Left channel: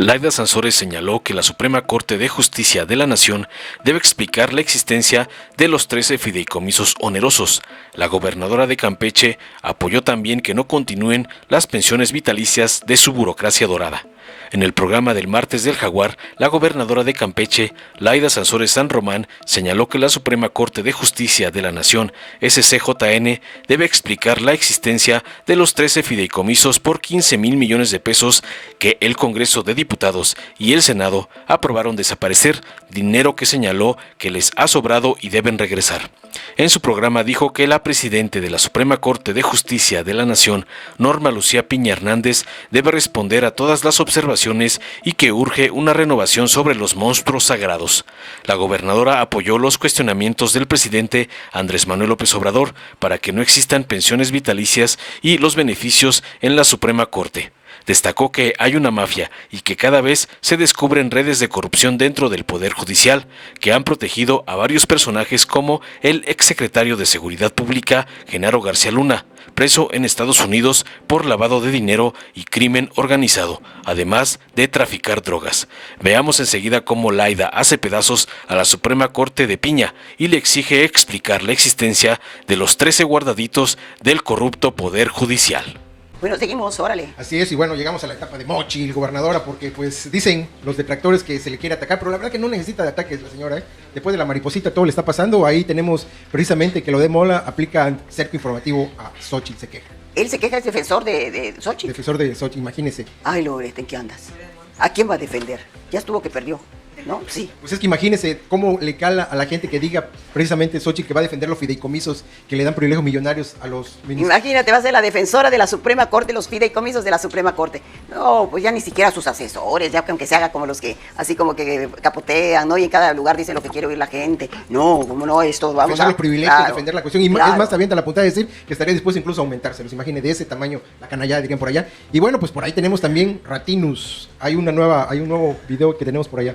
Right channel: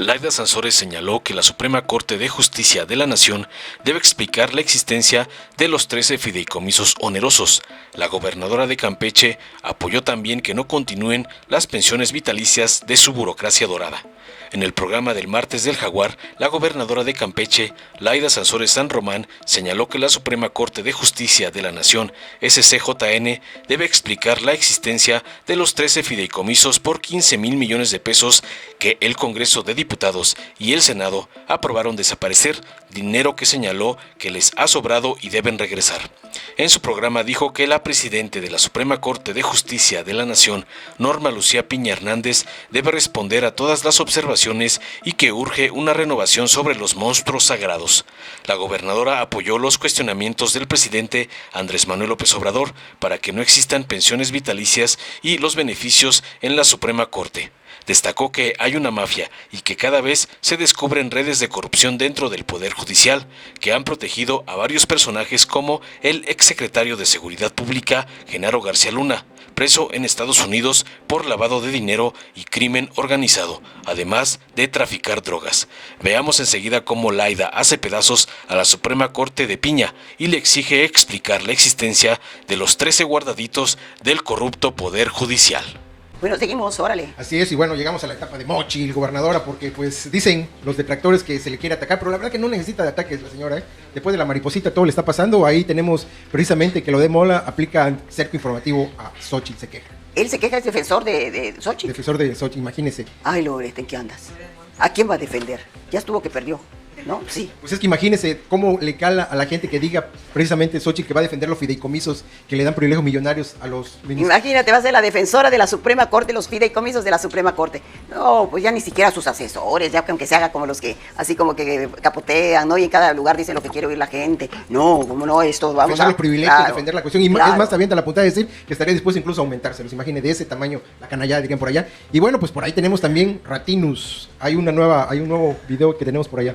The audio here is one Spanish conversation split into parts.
Laida Sansores señaló que la Suprema Corte de Justicia de la Nación debe explicar la existencia de los 13 fideicomisos onerosos. La gobernadora de Campeche apoyó también que no continúen las pensiones vitalicias de su burocracia dorada. En el programa del martes del Jaguar, la gobernadora de Campeche, Laida Sansores San Román, señaló que la Suprema Corte de Justicia de la Nación, SCJN, debe explicar la existencia de los 13 fideicomisos por 15,000 millones de pesos que el Congreso de Diputados y el Senado aprobaron desaparecer, dinero que señaló que les ha sobrado y deben regresar. En su programa dijo que la presidenta de la Suprema Corte de Justicia de la Nación, Norma Lucía Piña Hernández, debe responder a todas las observaciones y que urge una renovación sobre los monstruos sagrados. La gobernadora apoyó los cuestionamientos del presidente Andrés Manuel López Obrador para que no existan pensiones vitalicias y los beneficios en la Suprema Corte. Destacó que hay una mafia y que cada vez se descubren redes de corrupción dentro del Poder Judicial que han protegido a varios personajes como el exsecretario de Seguridad Pública, Genaro García Luna, preso en Estados Unidos por lavado de dinero y crimen organizado, además de traficar drogas. Veamos enseguida cómo Laida hace pedazos a la Suprema Corte de Piña y le exige explicar la existencia de los 13 guardaditos del corrupto Poder Judicial. Bueno, seguimos, órale. Así es, y bueno, llegamos a la etapa de Mochil, gobernadora, porque pues dicen los detractores que se le quiere atacar, pero la verdad que no necesita de ataques la señora, ¿eh? Después de la mariposita todo le está pasando, ahí tenemos precisamente que lo de Mola aplica cerco informativo a Xochitl, se queja. Él se queja, es defensor de Xochitl. Defensor de Xochitl, imagínese. Ay, Loreta, ¿en qué andas? ¿A quién va a defender? Ya estuvo que perdió. ¿No? Sí, pues es que imagínese cómo le cala a la gente que diga precisamente Xochitl que va a defender los fideicomisos que le dan privilegios millonarios a los... Imagínate, va a ser la defensora de la Suprema Corte, los fideicomisos de la Suprema Corte. No, pues ya ni siquiera sus asesores, ya que aunque se haga como los que, así como que capotean, ¿no? Y en cada lugar dice lo que quiere oír la gente. No, como no, esto vamos a... los privilegios, claro, defender la cuestión. Y claro, es más, también te la apunta a decir que estaría dispuesto incluso a aumentárselos. Imagínate de ese tamaño, la canallada, digan por allá. Y bueno, pues por ahí tenemos también Ratinus. Hay un nuevo video que tenemos por allá.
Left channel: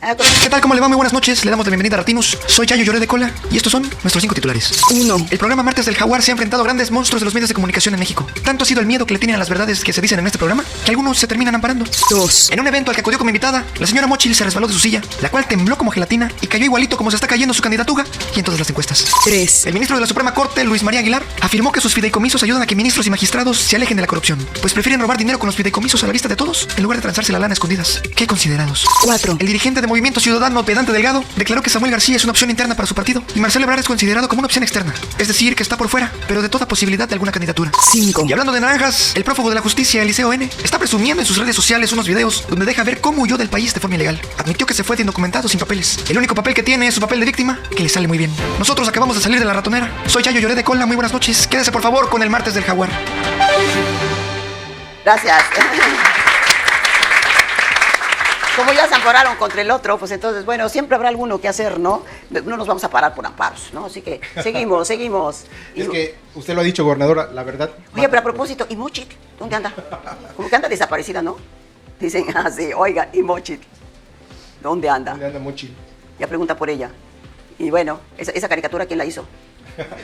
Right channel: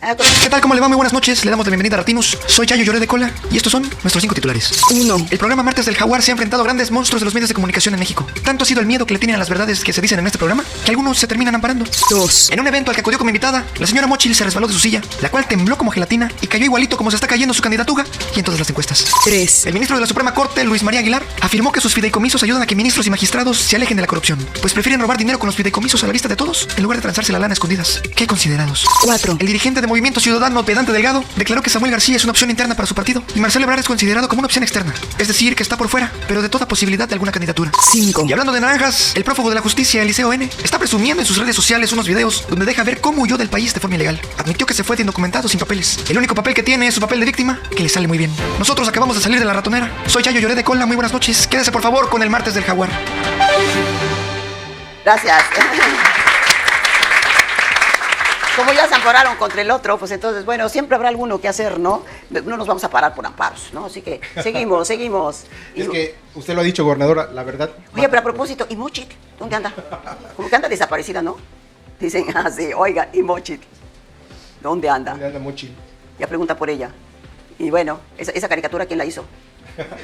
¿Qué tal? ¿Cómo le va? Muy buenas noches. Le damos la bienvenida a Ratinos. Soy Yayo Lloré de Cola y estos son nuestros 5 titulares. 1. El programa Martes del Jaguar se ha enfrentado a grandes monstruos de los medios de comunicación en México. Tanto ha sido el miedo que le tienen a las verdades que se dicen en este programa que algunos se terminan amparando. 2. En un evento al que acudió como invitada, la señora Mochil se resbaló de su silla, la cual tembló como gelatina y cayó igualito como se está cayendo su candidatura y en todas las encuestas. 3. El ministro de la Suprema Corte, Luis María Aguilar, afirmó que sus fideicomisos ayudan a que ministros y magistrados se alejen de la corrupción, pues prefieren robar dinero con los fideicomisos a la vista de todos en lugar de transarse la lana a escondidas. ¡Qué considerados! 4. El dirigente de Movimiento Ciudadano, Pedante Delgado, declaró que Samuel García es una opción interna para su partido y Marcelo Ebrard es considerado como una opción externa, es decir, que está por fuera, pero de toda posibilidad de alguna candidatura. 5. Y hablando de naranjas, el prófugo de la justicia, Eliseo M., está presumiendo en sus redes sociales unos videos donde deja ver cómo huyó del país de forma ilegal. Admitió que se fue de indocumentado sin papeles. El único papel que tiene es su papel de víctima, que le sale muy bien. Nosotros acabamos de salir de la ratonera. Soy Yayo Lloré de Cola, muy buenas noches. Quédese por favor con el Martes del Jaguar. Gracias. Como ya se ampararon contra el otro, pues entonces, bueno, siempre habrá alguno que hacer, ¿no? No nos vamos a parar por amparos, ¿no? Así que seguimos. Es que usted lo ha dicho, gobernadora, la verdad. Oye, pero a propósito, ¿y Mochit? ¿Dónde anda? ¿Dónde anda desaparecida, no? Dicen así, oiga, ¿y Mochit? ¿Dónde anda? ¿Dónde anda Mochit? Ya pregunta por ella. Y bueno, esa caricatura, ¿quién la hizo?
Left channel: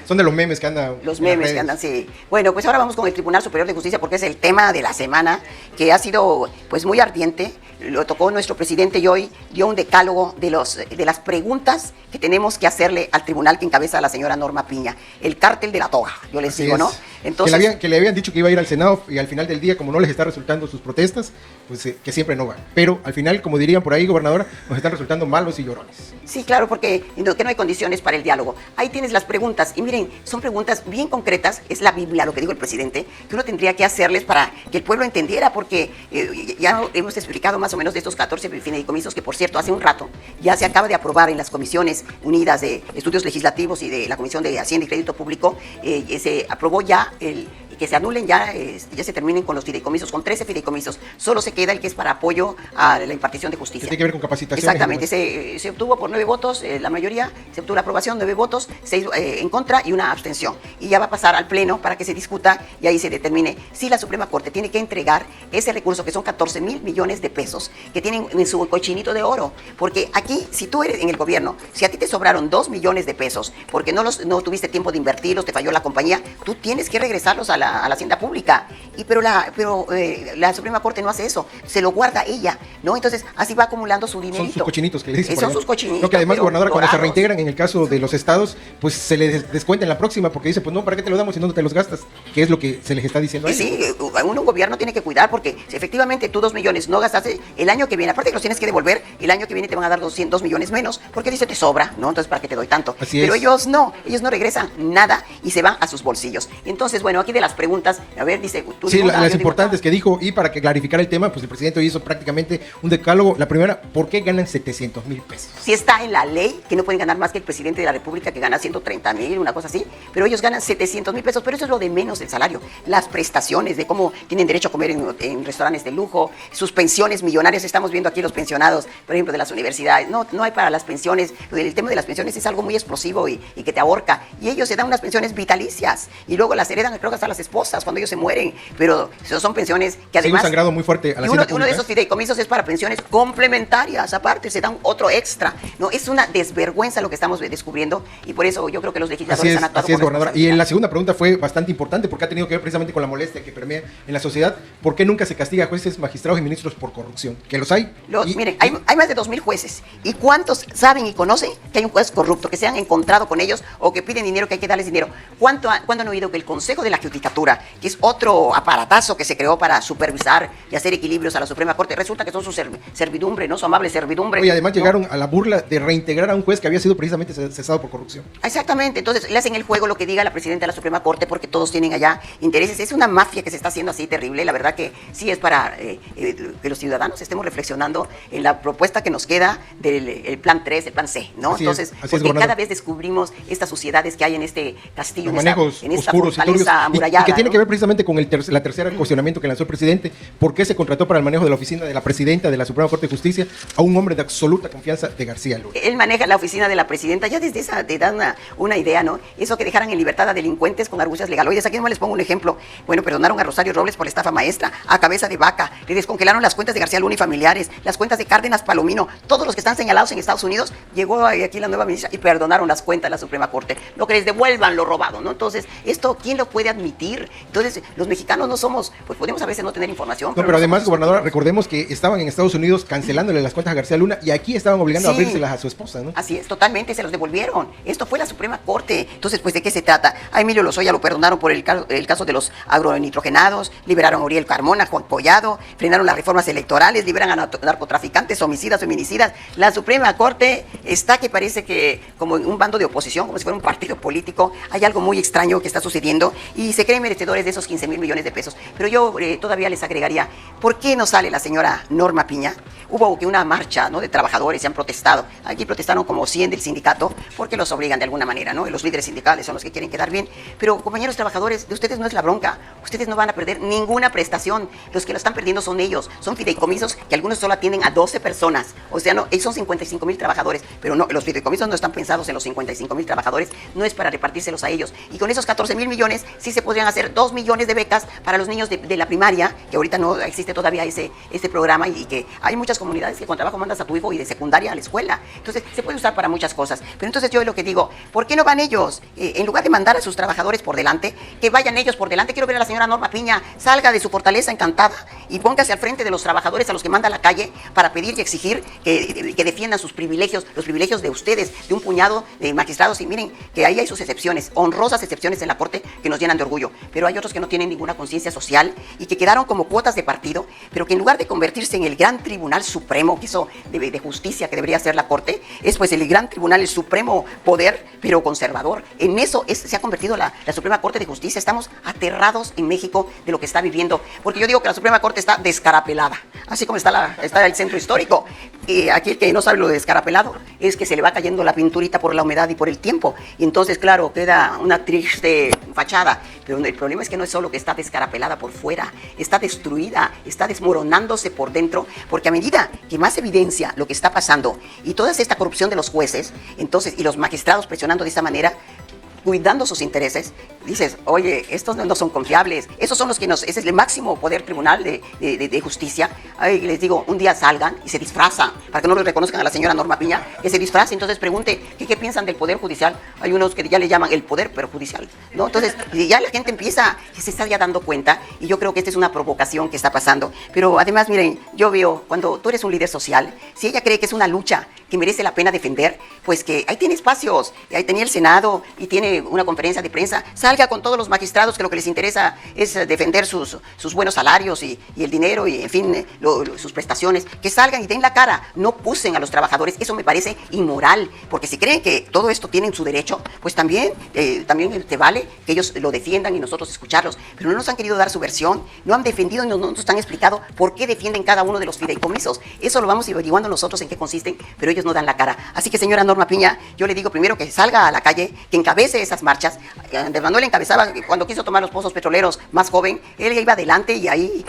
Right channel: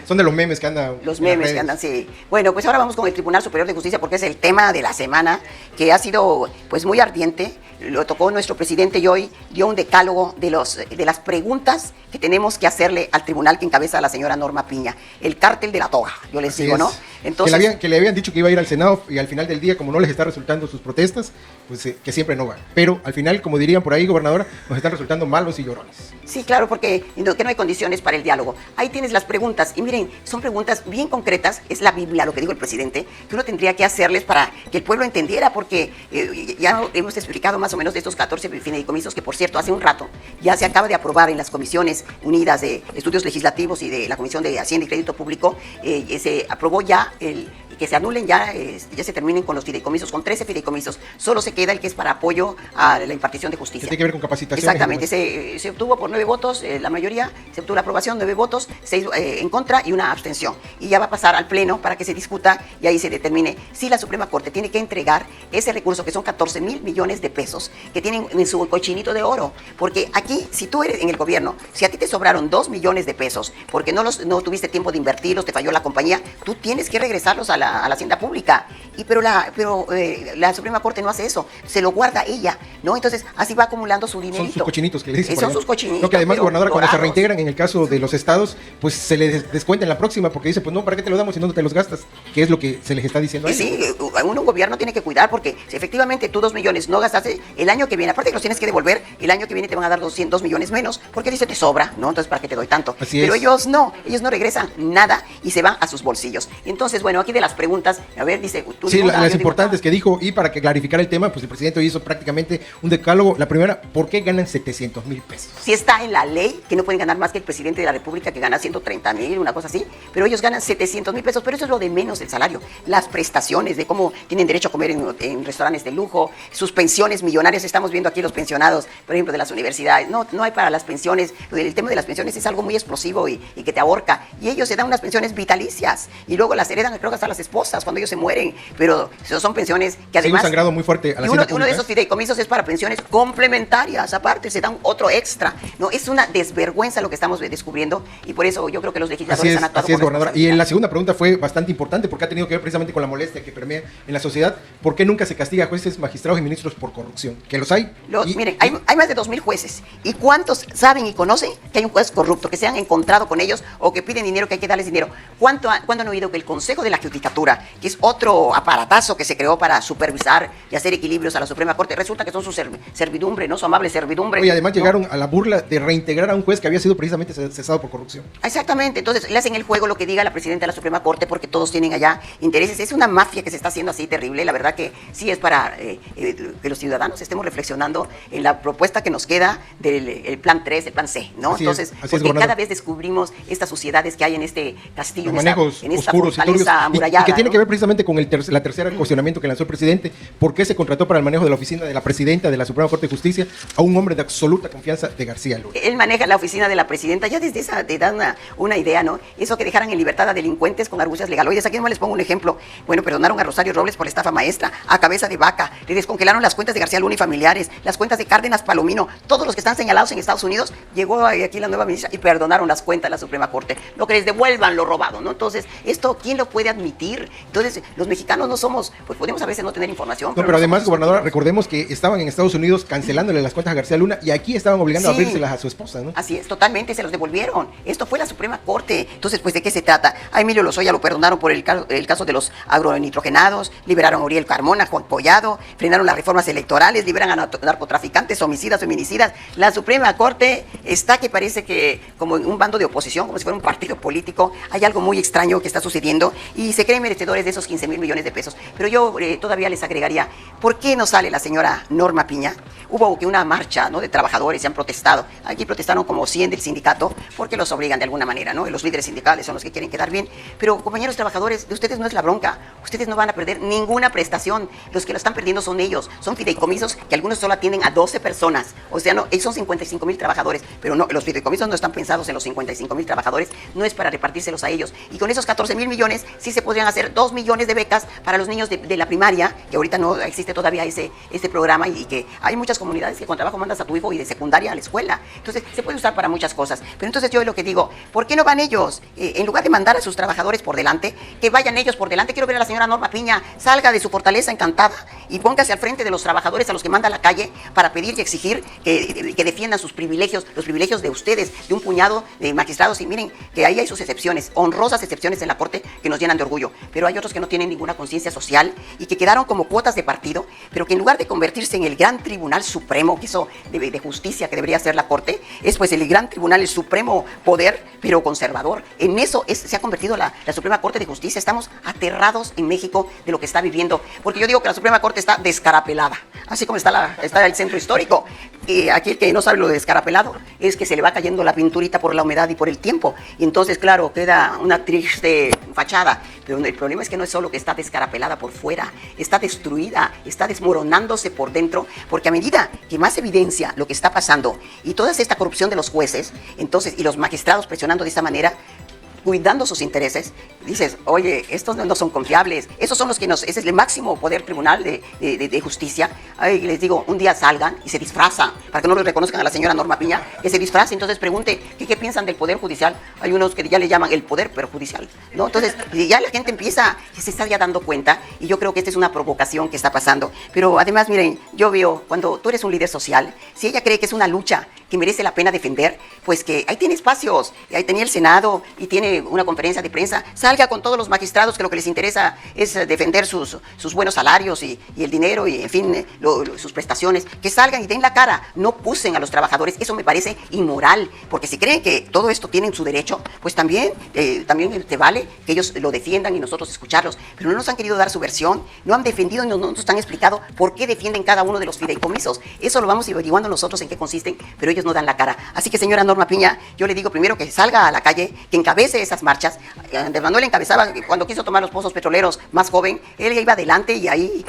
Son de los memes que andan. Los memes que andan, sí. Bueno, pues ahora vamos con el Tribunal Superior de Justicia porque es el tema de la semana que ha sido pues muy ardiente. Lo tocó nuestro presidente y hoy dio un decálogo de las preguntas que tenemos que hacerle al tribunal que encabeza la señora Norma Piña. El cártel de la toga, yo les digo, ¿no? Entonces, que le habían dicho que iba a ir al Senado y al final del día, como no les está resultando sus protestas, pues que siempre no van. Pero al final, como dirían por ahí, gobernadora, nos están resultando malos y llorones. Sí, claro, porque no hay condiciones para el diálogo. Ahí tienes las preguntas. Y miren, son preguntas bien concretas. Es la Biblia, lo que dijo el presidente, que uno tendría que hacerles para que el pueblo entendiera, porque ya hemos explicado más o menos de estos 14 fideicomisos que, por cierto, hace un rato ya se acaba de aprobar en las comisiones unidas de estudios legislativos y de la Comisión de Hacienda y Crédito Público. Se aprobó ya que se anulen, ya se terminen con los fideicomisos, con 13 fideicomisos. Solo se queda el que es para apoyo a la impartición de justicia. Tiene que ver con capacitación. Exactamente, se obtuvo por 9 votos, la mayoría, se obtuvo la aprobación, 9 votos, 6 en contra y una abstención. Y ya va a pasar al Pleno para que se discuta y ahí se determine si la Suprema Corte tiene que entregar ese recurso, que son 14,000 millones de pesos, que tienen en su cochinito de oro. Porque aquí, si tú eres en el gobierno, si a ti te sobraron 2 millones de pesos, porque no tuviste tiempo de invertirlos, te falló la compañía, tú tienes que regresarlos a a la hacienda pública. Pero la Suprema Corte no hace eso, se lo guarda ella, ¿no? Entonces así va acumulando su dinerito. Son sus cochinitos que le dicen. Son sus cochinitos. Lo que además, gobernadora, cuando se dorados. reintegran en el caso de los estados, pues se les descuenta en la próxima, porque dice, pues no, ¿para qué te lo damos si no te los gastas? Que es lo que se les está diciendo a Y ellos. sí, un gobierno tiene que cuidar, porque si efectivamente tú 2 millones no gastaste el año que viene, aparte que los tienes que devolver, el año que viene te van a dar 200 millones menos, porque dice te sobra, ¿no? Entonces, ¿para qué te doy tanto? Así Pero es. ellos no regresan nada y se van a sus bolsillos. Entonces, bueno, aquí de las preguntas, a ver, dice... tú Sí, digo, las yo digo, importantes que dijo, y para que clarificara el tema, pues el presidente hoy hizo prácticamente un decálogo. La primera, ¿por qué ganan 700,000 pesos? Si está en la ley que no pueden ganar más que el presidente de la República, que gana 130,000, una cosa así, pero ellos ganan 700,000 pesos, pero eso es lo de menos del salario. Las prestaciones de cómo tienen derecho a comer en restaurantes de lujo, sus pensiones millonarias, estamos viendo aquí los pensionados, por ejemplo, de las universidades. No hay para las pensiones, el tema de las pensiones es algo muy explosivo y que te ahorca. Y ellos se dan unas pensiones vitalicias y luego las heredan, creo que hasta las esposas cuando ellos se mueren, pero son pensiones que además... Hay un sangrado muy fuerte a la Y uno hacienda de esos pública. fideicomisos es para pensiones complementarias, aparte se dan otro extra. No, es una desvergüenza lo que estamos descubriendo y por eso yo creo que los legisladores han actuado Así es, con gobernadora. Y responsabilidad. en la segunda pregunta fue bastante importante porque ha tenido que ver precisamente con la molestia que permea en la sociedad. ¿Por qué nunca se castiga a jueces, magistrados y ministros por corrupción? Que los hay. Miren, hay más de 2,000 jueces. ¿Y cuántos saben y conocen que hay un juez corrupto, que se han encontrado con ellos o que piden dinero, que hay que darles dinero? ¿Cuándo han oído que el Consejo de la Judicatura, que es otro aparatazo que se creó para supervisar y hacer equilibrios a la Suprema Corte, resulta que son su servidumbre, ¿no? Su amable servidumbre. Y además ¿no? llegaron a la burla de reintegrar a un juez que había sido precisamente cesado por corrupción. Exactamente, entonces le hacen el juego lo que diga la presidenta de la Suprema Corte porque todos tienen allá intereses. Es una mafia que se está haciendo así terrible. La verdad que sí es para que los ciudadanos estemos reflexionando en la propuesta que nos queda del el plan 3, el plan C, ¿no? Así es, Entonces, así es, porque gobernador. cada vez descubrimos estas suciedades que hay en este castillo, Los manejos en esta oscuros y turbios, fortaleza amurallada. y que tiene ¿no? que ver precisamente con la tercera cuestionamiento que lanzó el presidente. ¿Por qué se contrató para el manejo de la oficina de la presidenta de la Suprema Corte de Justicia a un hombre de absoluta confianza de García Luna? Él maneja la oficina de la presidenta, ya desde esa te da una idea, ¿no? Eso que dejaran en libertad a delincuentes con argucias legaloides. Aquí no les pongo un ejemplo. Bueno, perdonaron a Rosario Robles por la estafa maestra, a Cabeza de Vaca, le descongelaron las cuentas de García Luna y familiares, las cuentas de Cárdenas Palomino, todos los que están señalados en Estados Unidos. Llegó aquí la nueva ministra y perdonaron las cuentas de la Suprema Corte. Lo que les devuelvan lo robado, ¿no? Entonces, esto, ¿quién lo puede admitir? Entonces, los mexicanos no somos, pues podemos a veces no tener información. No, pero no además, somos- gobernadora, recordemos que estaban en Estados Unidos cancelándole las cuentas a García Luna y aquí estaban obligando a Sí. abrírselas a su esposa, ¿no? Así es, totalmente, se los devolvieron. Esto fue la Suprema Corte. Entonces, pues, ¿de qué se trata? A Emilio Lozoya lo perdonaron por el caso de los agronitrogenados, liberaron a Uriel Carmona, Juan Collado, frenaron las reformas electorales, liberan a narcotraficantes, homicidas, feminicidas. La Suprema Corte está que parece que como en un bando de oposición, como si fuera un partido político. Hay algo muy extraño que está sucediendo y se creen merecedores de esos 15,000 millones de pesos. Pero yo todavía les agregaría, ¿por qué no sale la señora Norma Piña? Hubo que una marcha, ¿no?, de trabajadores, se han protestado. Aquí protestaron como 100 del sindicato porque los obligan de alguna manera, ¿no? Y los líderes sindicales son los que quieren quedar bien. Pero, compañeros trabajadores, de ustedes no es la bronca. Ustedes no van a perder ninguna prestación. Los que lo están perdiendo son ellos. Son fideicomisos que algunos solo atienden a 12 personas. O sea, no, son 55,000 trabajadores. Pero no, los fideicomisos no están pensados en los 55,000 trabajadores. No es para repartírselos a ellos. Y con esos 14,000 millones sí se podrían hacer 2 millones de becas para los niños de la primaria, que ahorita no existe todavía ese programa y que hay muchas comunidades que con trabajo mandas a tu hijo y de secundaria a la escuela. Entonces, se puede usar para muchas cosas. Pero entonces yo es lo que digo, ¿por qué no van ellos? En lugar de mandar a sus trabajadores por delante, que vayan ellos por delante. Quiero ver a la señora Norma Piña, salga de su fortaleza encantada y póngase al frente de los trabajadores a los que manda a la calle para pedir y exigir que defiendan sus privilegios, los privilegios de ustedes, de un puñado de magistrados. Y miren que ahí hay sus excepciones, honrosas excepciones en la Corte que nos llenan de orgullo. Pero hay otros que no tienen ninguna conciencia social y que quedaron como cuotas de partido, pero que en lugar de convertirse en el gran tribunal supremo, que eso de justicia que debería ser la Corte, es pues el gran tribunal, el supremo poder, pero conservador. En eso se ha convertido la Suprema Corte de Justicia. Estamos aterrados en México de lo que está viviendo, porque yo digo que la Suprema Corte está descarapelada, así como está el centro histórico. Aquí el que no sabe lo de descarapelado es que se le va cayendo la pinturita por la humedad y por el tiempo, y entonces claro, queda una triste fachada, pero el problema es que no es solo que está descarapelada por fuera, está destruida, está desmoronándose por dentro, porque a medida que más evidencia lo que está pasando y toda esta corrupción de los jueces, entonces, y los magistrados presionando de esta manera, cuidando sus intereses, dices, oye, estos no son confiables, esos son los que ese es el máximo poder tribunal de justicia. Ay, les digo, un día salgan y se disfrazan, para que no lo reconozcan a la señora Norma Piña, que se disfrace, entonces pregunte, ¿qué piensan del poder judicial? Hay unos que ya le llaman el poder perjudicial, ¿no? Entonces, ya la gente empieza, se está ya dando cuenta, y yo creo que esta es una provocación que está pasando. Pero además, miren, yo veo, cuando tú eres un líder social, si ella cree que es una lucha que merece la pena defender, pues que ahí tiene espacios, y ahí tenía el Senado, y tiene una conferencia de prensa, salga con todos los magistrados que lo que les interesa es defender sus buenos salarios y el dinero, y en fin, sus prestaciones, que salgan y den la cara, no acusen a los trabajadores. Eso me parece inmoral, porque si creen que todo esto tienen su derecho, pues también te vale que ellos lo defiendan y nosotros escucharlos, pero no nos han querido dar su versión, no han defendido y no nos han explicado por qué defienden cada uno de los fideicomisos. Eso lo vamos averiguando nosotros en qué consisten, pero ellos no dan la cara. Así que, señora Norma Piña, yo le digo primero que salga a la calle, que encabece esas marchas. Andrés Manuel encabezaba cuando quiso tomar los pozos petroleros, más joven, él iba adelante y ahí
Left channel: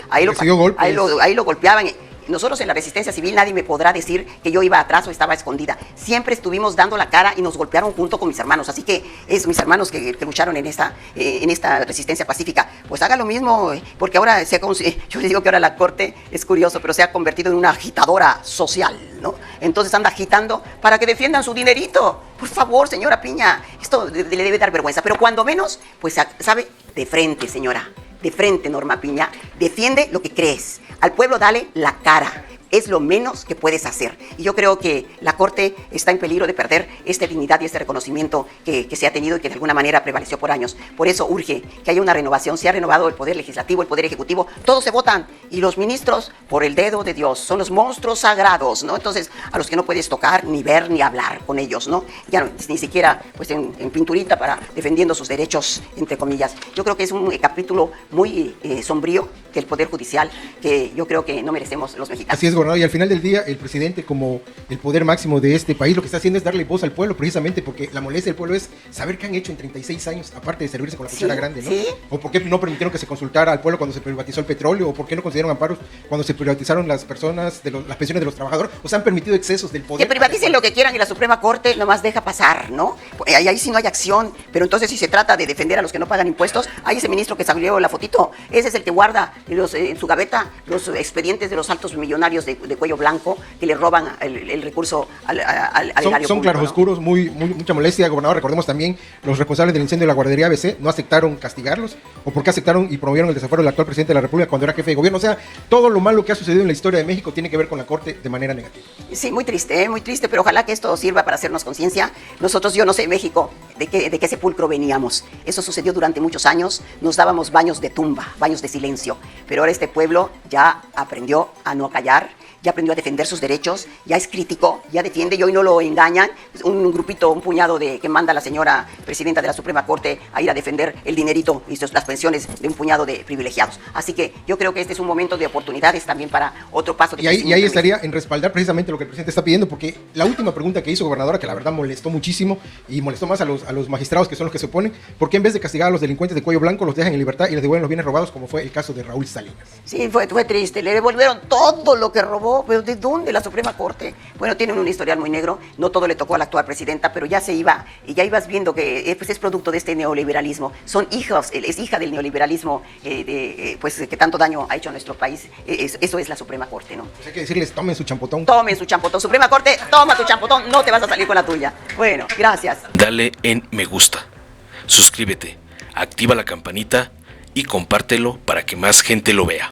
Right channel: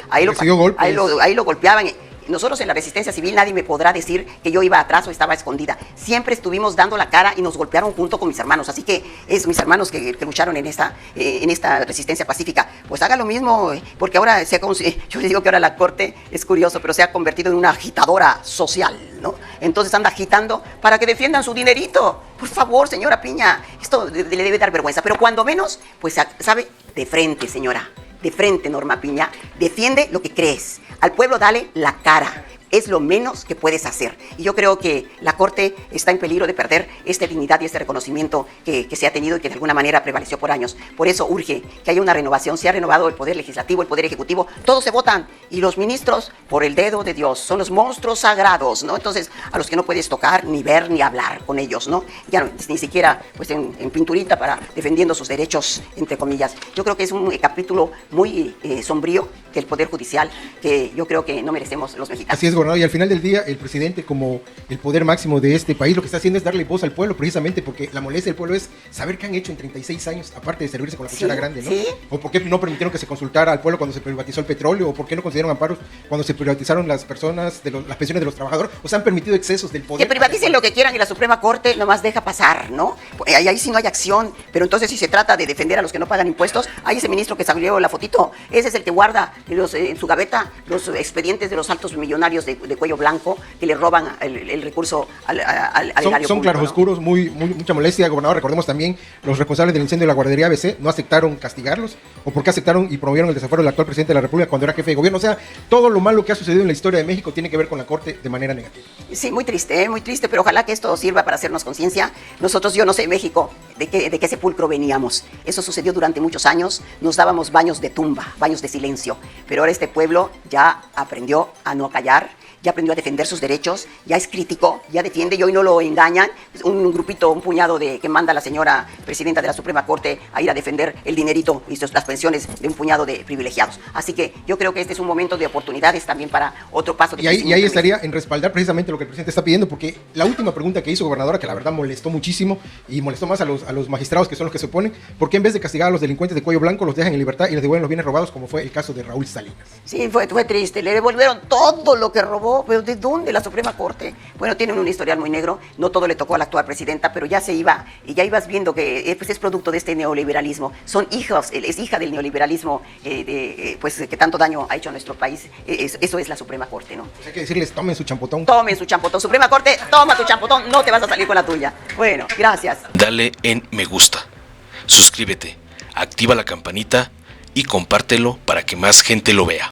lo golpeaban. Nosotros en la Resistencia Civil nadie me podrá decir que yo iba atrás o estaba escondida. Siempre estuvimos dando la cara y nos golpearon junto con mis hermanos. Así que es mis hermanos que lucharon en esta resistencia pacífica. Pues haga lo mismo, porque ahora yo les digo que ahora la Corte es curioso, pero se ha convertido en una agitadora social, ¿no? Entonces anda agitando para que defiendan su dinerito. Por favor, señora Piña, esto le debe dar vergüenza. Pero cuando menos, pues sabe, de frente, señora. De frente, Norma Piña, defiende lo que crees. Al pueblo dale la cara. Es lo menos que puedes hacer. Y yo creo que la Corte está en peligro de perder esta dignidad y este reconocimiento que se ha tenido y que de alguna manera prevaleció por años. Por eso urge que haya una renovación. Se ha renovado el Poder Legislativo, el Poder Ejecutivo. Todos se votan. Y los ministros, por el dedo de Dios, son los monstruos sagrados, ¿no? Entonces, a los que no puedes tocar, ni ver, ni hablar con ellos, ¿no? Ya ni siquiera pues, en pinturita para defendiendo sus derechos, entre comillas. Yo creo que es un capítulo muy sombrío del Poder Judicial que yo creo que no merecemos los mexicanos. Así es, gobernador, y al final del día el presidente, como el poder máximo de este país, lo que está haciendo es darle voz al pueblo, precisamente porque la molestia del pueblo es saber qué han hecho en 36 años, aparte de servirse con la cuchara grande, ¿no? Sí. O por qué no permitieron que se consultara al pueblo cuando se privatizó el petróleo, o por qué no concedieron amparos cuando se privatizaron las pensiones de los trabajadores, o se han permitido excesos del poder. Que privaticen lo que quieran y la Suprema Corte nomás deja pasar, ¿no? Ahí sí no hay acción, pero entonces si se trata de defender a los que no pagan impuestos, hay ese ministro que salió la fotito, ese es el que guarda en su gaveta los expedientes de los altos millonarios de cuello blanco que le roban el recurso al erario Son público, claroscuros, ¿no? Mucha molestia, gobernador. Recordemos también los responsables del incendio de la guardería ABC no aceptaron castigarlos, o porque aceptaron y promovieron el desafuero del actual presidente de la República cuando era jefe de gobierno. O sea, todo lo malo que ha sucedido en la historia de México tiene que ver con la Corte de manera negativa. Sí, muy triste, pero ojalá que esto sirva para hacernos conciencia. Nosotros, yo no sé, México, de qué sepulcro veníamos. Eso sucedió durante muchos años, nos dábamos baños de tumba, baños de silencio, pero ahora este pueblo ya aprendió a no callar, ya aprendió a defender sus derechos, ya es crítico, ya defiende, y hoy no lo engañan. Un grupito, un puñado que manda a la señora presidenta de la Suprema Corte a ir a defender el dinerito y las pensiones de un puñado de privilegiados. Así que yo creo que este es un momento de oportunidades también para otro paso de y ahí estaría en respaldar precisamente lo que el presidente está pidiendo, porque la última pregunta que hizo, gobernadora, que la verdad molestó muchísimo y molestó más a los magistrados, que son los que se oponen, ¿por qué en vez de castigar a los delincuentes de cuello blanco los dejan en libertad y les devuelven los bienes robados, como fue el caso de Raúl Salinas? Sí, fue triste, le devolvieron todo lo que robó, pero ¿de dónde? La Suprema Corte. Bueno, tienen un historial muy negro, no todo le tocó a la actual presidenta, pero ya se iba, y ya ibas viendo que pues, es producto de este neoliberalismo, es hija del neoliberalismo, pues que tanto daño ha hecho a nuestro país. Eso es la Suprema Corte, ¿no? Hay que decirles, tomen su champotón. Tomen su champotón, Suprema Corte, toma tu champotón, no te vas a salir con la tuya. Bueno, gracias. Dale en me gusta, suscríbete, activa la campanita y compártelo para que más gente lo vea.